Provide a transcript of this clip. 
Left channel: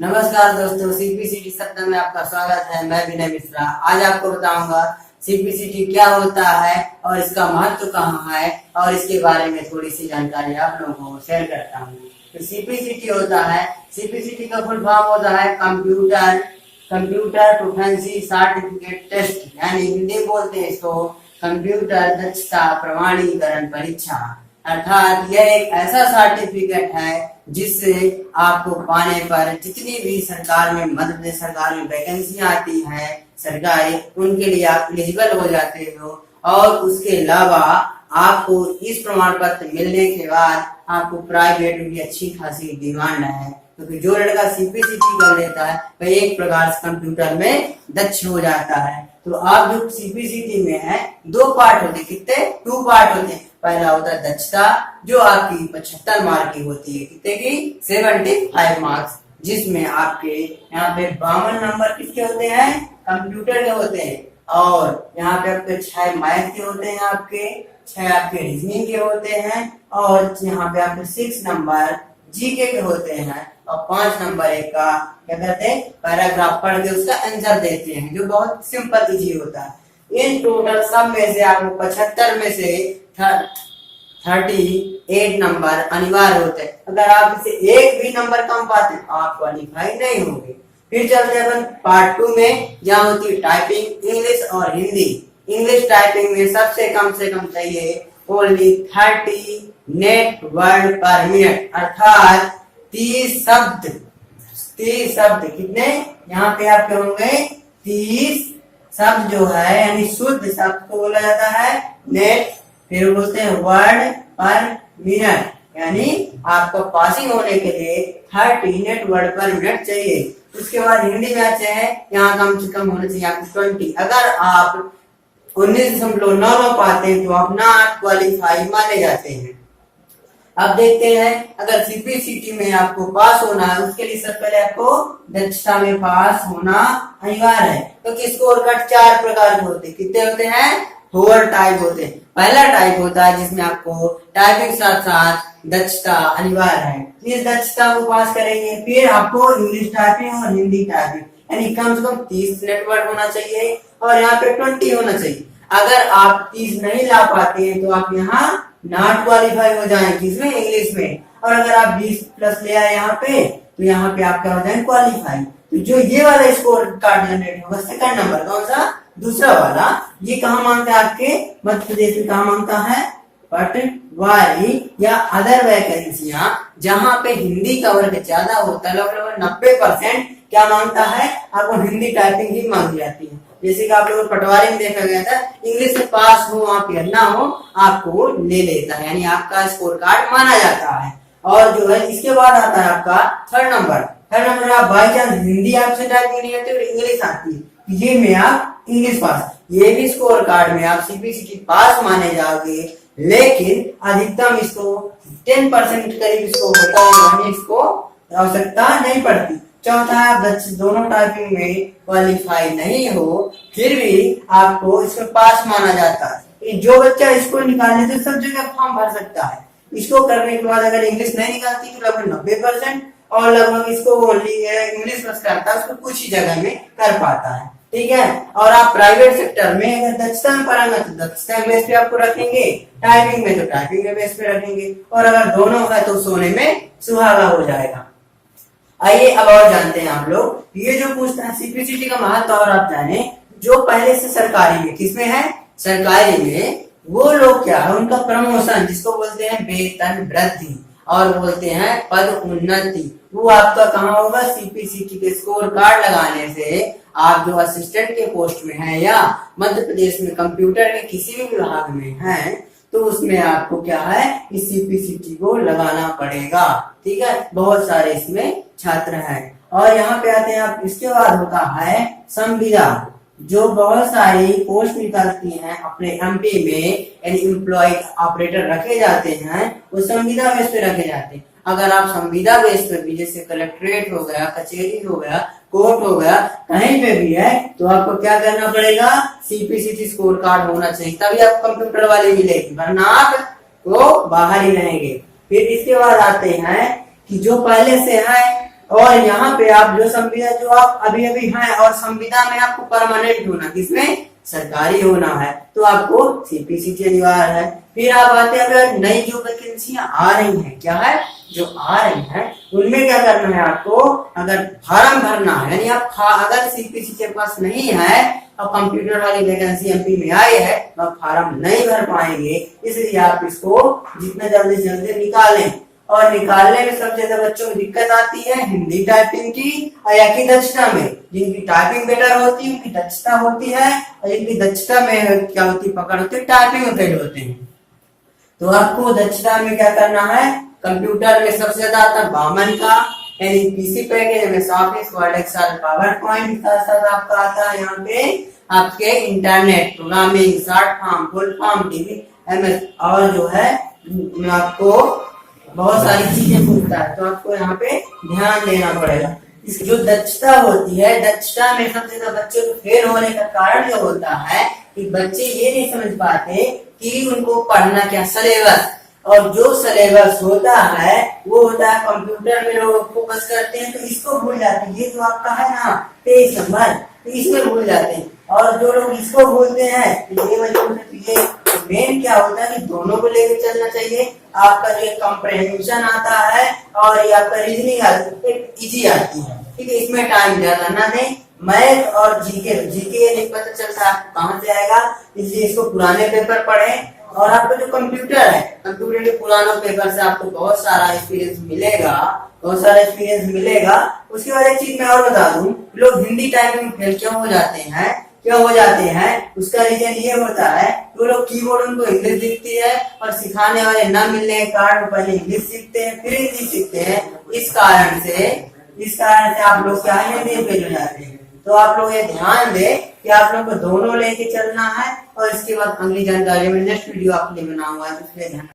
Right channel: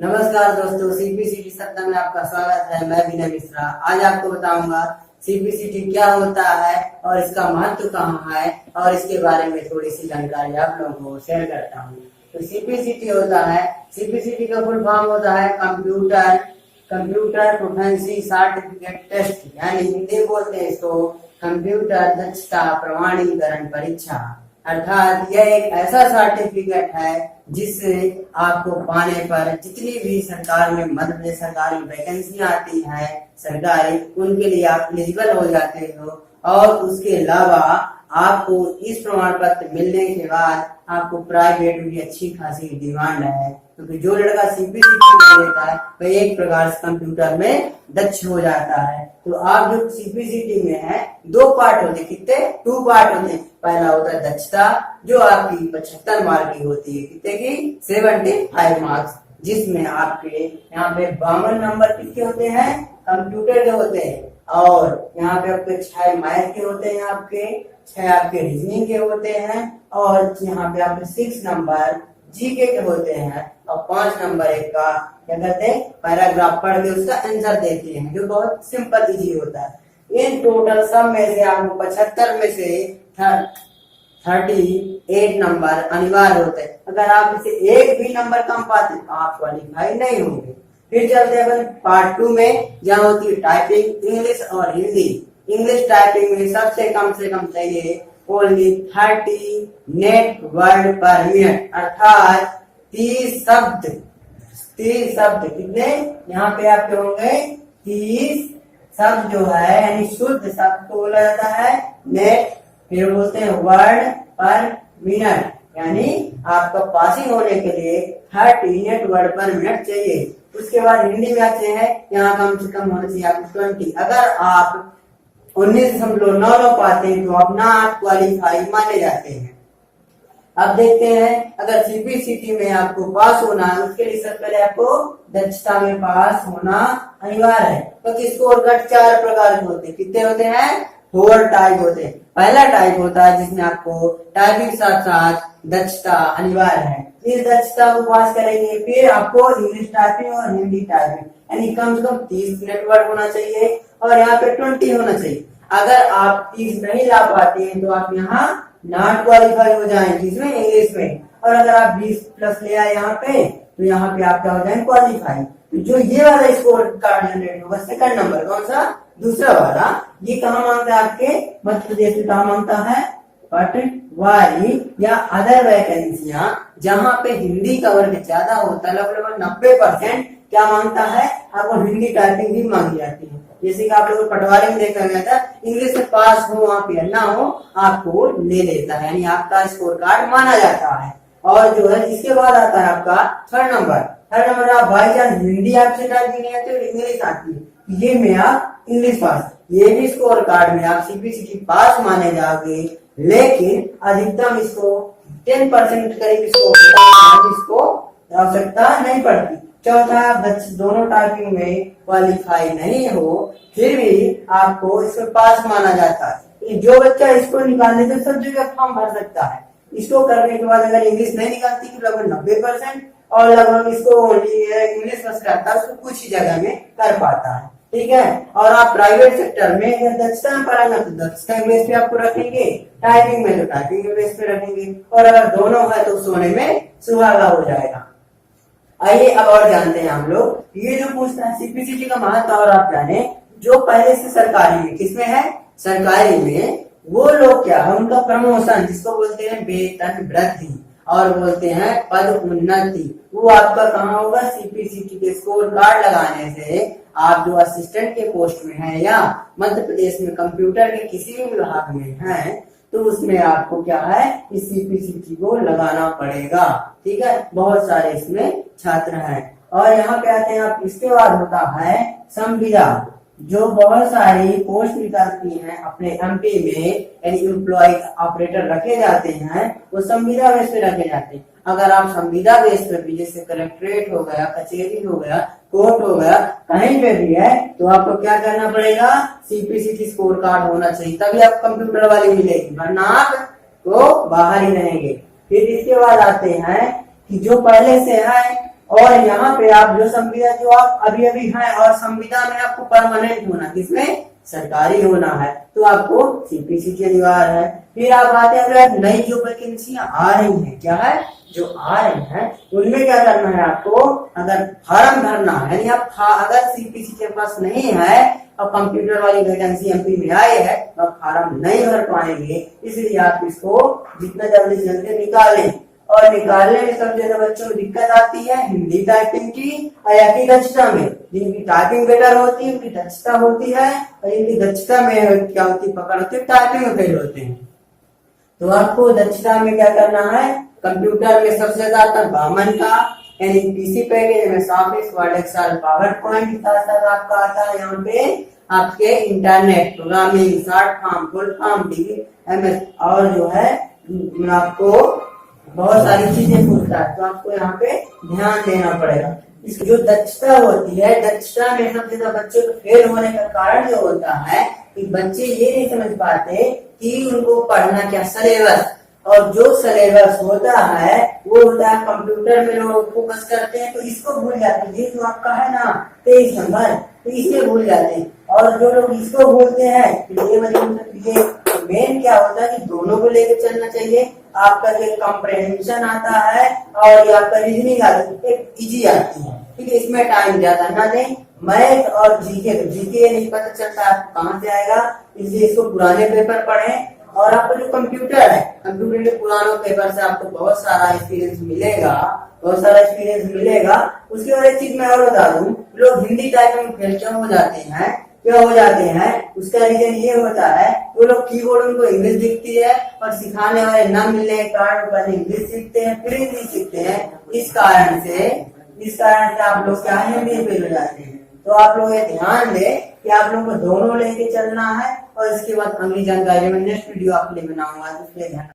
नमस्कार दोस्तों, सीपीसीटी सप्ताह में आपका स्वागत है। मैं विनय मिश्रा। आज आपको बताऊंगा सीपीसीटी क्या होता है और इसका महत्व कहाँ है और इसके बारे में थोड़ी सी जानकारी आप लोगों को शेयर करता हूँ। तो सीपीसीटी होता है, सीपीसीटी का फुल फॉर्म होता है कंप्यूटर प्रोफिशिएंसी सर्टिफिकेट टेस्ट, यानी हिंदी बोलते हैं इसको कंप्यूटर दक्षता प्रमाणीकरण परीक्षा। अर्थात यह एक ऐसा सर्टिफिकेट है जिससे आपको पाने पर जितनी भी सरकार में मध्य प्रदेश सरकार में वैकेंसी आती है सरकारी, उनके लिए आप एलिजिबल हो जाते हो। और उसके अलावा आपको इस प्रमाण पत्र मिलने के बाद आपको प्राइवेट में भी अच्छी खासी डिमांड है, क्योंकि जो लड़का सीपीसीटी कर लेता है वह एक प्रकार से कंप्यूटर में दक्ष हो जाता है। तो आप जो सीपीसीटी में है, दो पार्ट होते, कितने? 2 पार्ट होते हैं। पहला होता है दक्षता, जो आपकी 75 मार्क की होती है, कितने की? 75 मार्क्स, जिसमें आपके यहाँ पे 52 नंबर किसके होते हैं? कंप्यूटर के होते हैं। और यहाँ पे आपके 6 मैथ के होते हैं, आपके 6 आपके रीजनिंग के होते हैं, और यहाँ पे आपके 6 नंबर जीके के होते हैं, और 5 नंबर एक का क्या करते हैं? पैराग्राफ पढ़ के उसका आंसर देते हैं, जो बहुत सिंपल इजी होता है। इन टोटल सब में से आपको 75 में से 38 नंबर अनिवार्य होते हैं। अगर आप इसे एक भी नंबर कम पाते तो आप क्वालिफाई नहीं होंगे। फिर चलते हैं अपन पार्ट 2 में, जहाँ होती है टाइपिंग, इंग्लिश और हिंदी। इंग्लिश टाइपिंग में सबसे कम से कम चाहिए ओनली 30 नेट वर्ड पर मिनट, अर्थात 30 शब्द कितने यहाँ पे आपके होंगे? 30 शब्द जो है, यानी शुद्ध शब्द को बोला जाता है नेट, फिर बोलते हैं वर्ड पर मिनट, यानी आपका पासिंग होने के लिए 30 नेट वर्ड पर मिनट चाहिए। उसके बाद हिंदी में आते हैं, यहाँ कम से कम होना चाहिए आपको 20। अगर आप 19.9 पाते हैं तो आप ना क्वालिफाई माने जाते हैं। अब देखते हैं, अगर सीपीसीटी में आपको पास होना है, उसके लिए सबसे पहले आपको दक्षता में पास होना अनिवार्य है। तो स्कोर कार्ड 4 प्रकार के होते हैं। कितने होते हैं? 4 टाइप होते हैं। पहला टाइप होता है जिसमें आपको टाइपिंग साथ साथ दक्षता अनिवार्य है। इस दक्षता को पास करेंगे, फिर आपको इंग्लिश टाइपिंग और हिंदी टाइपिंग, यानी कम से कम 30 नेट वर्ड होना चाहिए, और यहाँ पे 20 होना चाहिए। अगर आप 30 नहीं ला पाते हैं तो आप यहाँ नॉट क्वालिफाई हो जाएंगे, इसमें इंग्लिश में। और अगर आप 20 प्लस ले आए यहाँ पे, तो यहाँ पे आप क्या हो जाएंगे? क्वालिफाई। तो जो ये वाला स्कोर कार्ड जनरेट होगा, सेकंड नंबर कौन सा? दूसरा वाला। ये कहाँ मांगता है? आपके मध्य प्रदेश में कहाँ मांगता है? पटवारी या अदर वैकेंसियां, जहाँ पे हिंदी का वर्ग ज्यादा होता है, लगभग 90% क्या मांगता है? आपको हिंदी टाइपिंग ही मांगी जाती है। जैसे कि आप लोगों को पटवारी में देखा गया था, इंग्लिश में पास हो आप या ना हो, आपको ले लेता है, यानी आपका स्कोर कार्ड माना जाता है। और जो है इसके बाद आता है आपका थर्ड नंबर। आप बाई चांस हिंदी आपसे टाइपिंग नहीं आती और इंग्लिश आती है, ये में आप इंग्लिश पास, ये भी स्कोर कार्ड में आप सीपीसीटी पास माने जाओगे, लेकिन अधिकतम इसको 10% करीब इसको होता है, इसको आवश्यकता नहीं पड़ती। चौथा, आप दोनों टाइपिंग में क्वालिफाई नहीं हो, फिर भी आपको इसमें पास माना जाता है। जो बच्चा इसको निकालने से सब जगह फॉर्म भर सकता है। इसको करने के बाद अगर इंग्लिश नहीं निकालती तो लगभग 90%, और लगभग इसको ओनली इंग्लिश बस करता है, उसको कुछ ही जगह में कर पाता है। ठीक है। और आप प्राइवेट सेक्टर में अगर दक्षता में पढ़ाना तो दक्षता के बेस पे आपको रखेंगे, टाइपिंग में तो टाइपिंग के बेस पे रखेंगे, और अगर दोनों है तो सोने में सुहागा हो जाएगा। आइए अब और जानते हैं हम लोग, ये जो पूछता है सीपीसीटी का महत्व और आप जाने, जो पहले से सरकारी में, किसमें है? सरकारी में, वो लोग क्या है, उनका प्रमोशन, जिसको बोलते हैं वेतन वृद्धि और बोलते हैं पद उन्नति, वो आपका कहाँ होगा? सीपीसीटी के स्कोर कार्ड लगाने से आप जो असिस्टेंट के पोस्ट में है या मध्य प्रदेश में कंप्यूटर के किसी भी विभाग में है, तो उसमें आपको क्या है? इस सीपीसीटी को लगाना पड़ेगा। ठीक है। बहुत सारे इसमें छात्र हैं। और यहाँ पे आते हैं आप, इसके बाद होता है संविदा, जो बहुत सारी पोस्ट निकलती हैं अपने एमपी में, यानी एम्प्लॉय ऑपरेटर रखे जाते हैं, वो संविदा बेस पे रखे जाते हैं। अगर आप संविदा बेस पे भी, जैसे कलेक्ट्रेट हो गया, कचहरी हो गया, कोर्ट हो गया, कहीं पे भी है, तो आपको क्या करना पड़ेगा? सीपीसीटी स्कोर कार्ड होना चाहिए, तभी आप कंप्यूटर वाले मिलेगी, वरना आप तो बाहर ही रहेंगे। फिर इसके बाद आते हैं कि जो पहले से है और यहाँ पे आप जो संविदा जो आप अभी अभी हैं और संविदा में आपको परमानेंट होना, किसमें, सरकारी होना है, तो आपको सीपीसीटी अनिवार्य है। फिर आप आते हैं अगर नई जो वैकेंसियां आ रही हैं, क्या है, जो आ रही हैं उनमें क्या करना है आपको, अगर फार्म भरना है, यानी आप अगर सीपीसीटी के पास नहीं है और कंप्यूटर वाली वैकेंसी एमपी में आई है तो आप फार्म नहीं भर पाएंगे, इसलिए आप इसको जितना जल्दी से जल्दी निकालें। और निकालने में सबसे ज्यादा बच्चों को दिक्कत आती है हिंदी टाइपिंग की और या की दक्षता में। जिनकी टाइपिंग बेटर होती है उनकी दक्षता होती है, और जिनकी दक्षता में क्या होती है, पकड़ होती है, टाइपिंग में फेल होते हैं। तो आपको दक्षता में क्या करना है, कंप्यूटर में सबसे ज्यादा आता है बामन का, यानी पीसी पैकेज में office, word, excel, power point, साथ साथ आपका आता है यहाँ पे आपके internet, programming, short form, full form, DB, MS, और जो है आपको बहुत सारी चीजें पूछता है, तो आपको यहाँ पे ध्यान देना पड़ेगा। इसकी जो दक्षता होती है, दक्षता में सबसे ज्यादा बच्चों को फेल होने का कारण जो होता है कि बच्चे ये नहीं समझ पाते कि उनको पढ़ना क्या, सिलेबस, और जो सिलेबस होता है वो होता है कंप्यूटर में लोग फोकस करते हैं तो इसको भूल जाते हैं। ये जो आपका है ना 23 नंबर, तो इसमें भूल जाते हैं, और जो लोग इसको भूलते हैं ये वजह से मेन क्या होता है कि दोनों को लेकर चलना चाहिए। आपका जो कॉम्प्रहेंशन आता है और ये आपका रीजनिंग इजी आती है, ठीक है, इसमें टाइम ज्यादा ना दें। मैथ और जीके नहीं पता चलता आपको कहाँ से आएगा, इसलिए इसको पुराने पेपर पढ़ें। और आपका जो कंप्यूटर है, कंप्यूटर के पुरानों पेपर से आपको बहुत सारा एक्सपीरियंस मिलेगा। उसके बाद एक चीज मैं और बता दूं, लोग हिंदी टाइपिंग में फेल क्यों हो जाते हैं, उसका रीजन ये होता है वो लोग कीबोर्ड उनको इंग्लिश दिखती है और सिखाने वाले ना मिलने के कारण पहले इंग्लिश सीखते हैं फिर हिंदी सीखते हैं। इस कारण से आप लोग क्या हिंदी फेल हो जाते हैं। तो आप लोग ये ध्यान दें कि आप लोग को दोनों लेके चलना है, और इसके बाद अगली जानकारी में नेक्स्ट वीडियो आपके लिए बनाऊंगा, इसलिए ध्यान